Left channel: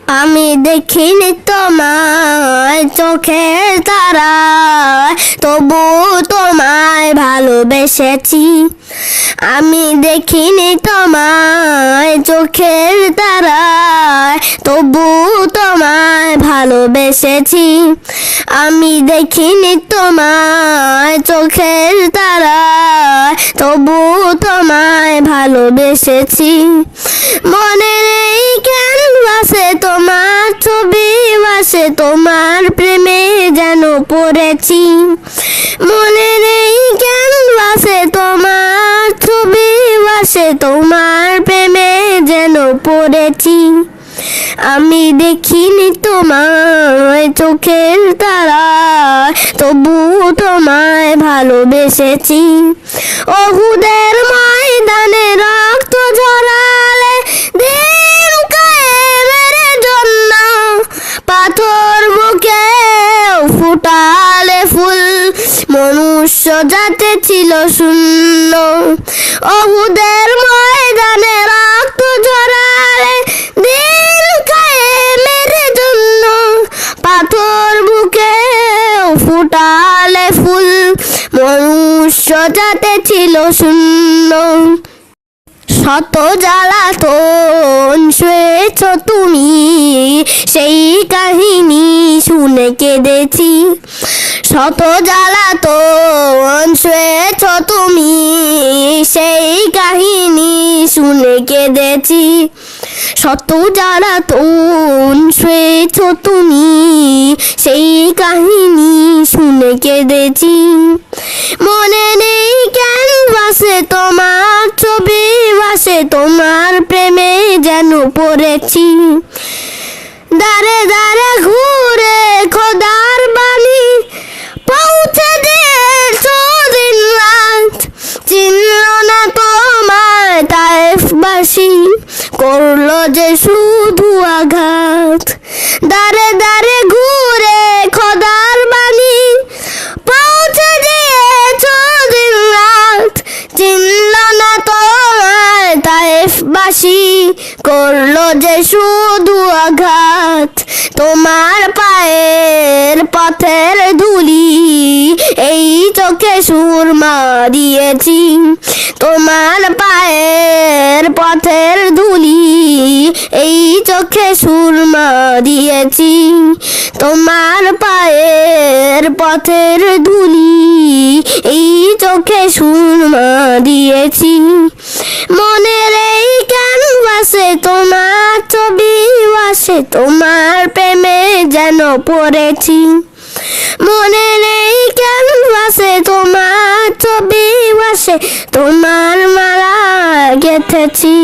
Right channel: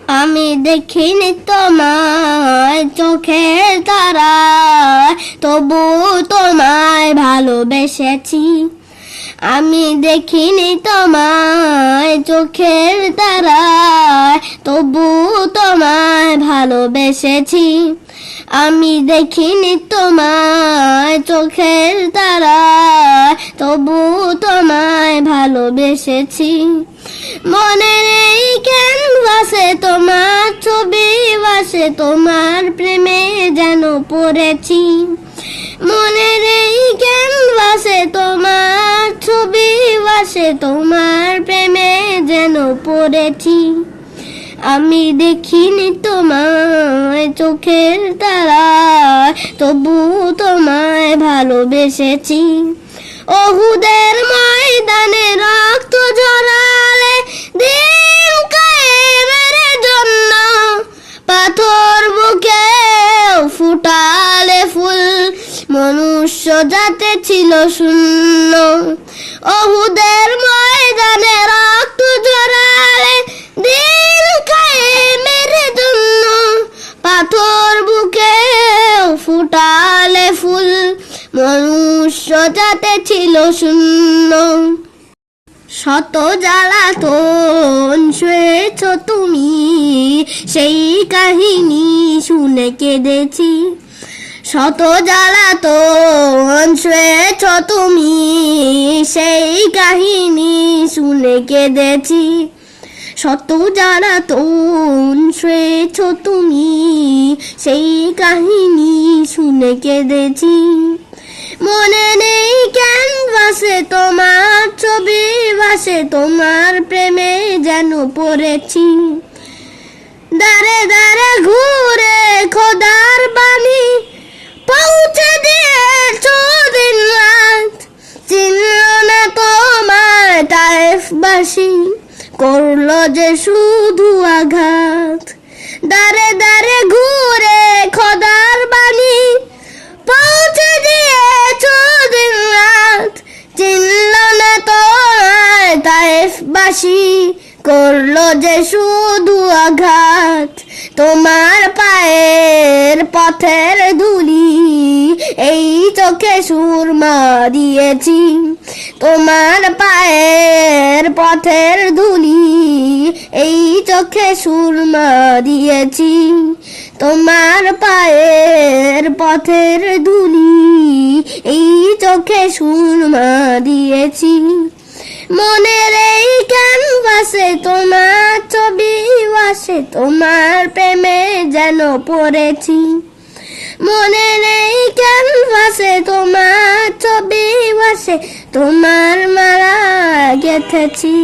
আমি দেখিনি তোমায় চোখের তারায়, তবু তোমায় ভালোবেসেছি। আমি দেখিনি তোমায় চোখের তারায়, তবু তোমায় ভালোবেসেছি। আমি দেখিনি তোমায় চোখের তারায়, তবু তোমায় ভালোবেসেছি। মনে নেই ক্যানভাসে তোমার ছবি ভাসে, তোমার প্রেমে যেন পড়েছি। মনে নেই ক্যানভাসে তোমার ছবি ভাসে, তোমার প্রেমে যেন পড়েছি। আমি দেখিনি তোমায় চোখের তারায়, তবু তোমায় ভালোবেসেছি। ওহুদের ময়দানে রক্ত ঝরালে দিন কায়েমের জন্য, পাথর বুকে ফুটালে ফুল, মনুষ্য জাতি ছিল শূন্য। ওহুদের ময়দানে রক্ত ঝরালে দিন কায়েমের জন্য, পাথর বুকে ফুটালে ফুল, মনুষ্য জাতি ছিল শূন্য। শত জ্বালাতন সয়েছ তুমি, সেই কাহিনী শুনে কেঁদেছি। শত জ্বালাতন সয়েছ তুমি, সেই কাহিনী শুনে কেঁদেছি। শত জ্বালাতন সয়েছ তুমি, সেই কাহিনী শুনে কেঁদেছি। মনে নেই ক্যানভাসে তোমার ছবি ভাসে, তোমার প্রেমে যেন পড়েছি। দাঁড়ে দাঁড়ে ঘুরে খোদার বাণী পৌঁছে দিয়েছ দিন রাত, চিনল না তোমার তায়েফবাসী, করলো যে শুধু আঘাত। দাঁড়ে দাঁড়ে ঘুরে খোদার বাণী পৌঁছে দিয়েছ দিন রাত, চিনল না তোমার তায়েফবাসী, করলো যে শুধু আঘাত। তোমার পায়ের পথের ধুলি এই চোখে সুরমা দিয়েছি। তোমার পায়ের পথের ধুলি এই চোখে সুরমা দিয়েছি। তোমার পায়ের পথের ধুলি এই চোখে সুরমা দিয়েছি। মনের এই ক্যানভাসে তোমার ছবি ভাসে, তোমার প্রেমে যেন পড়েছি। মনের এই ক্যানভাসে তোমার ছবি ভাসে, তোমার মালা গেঁথেছি।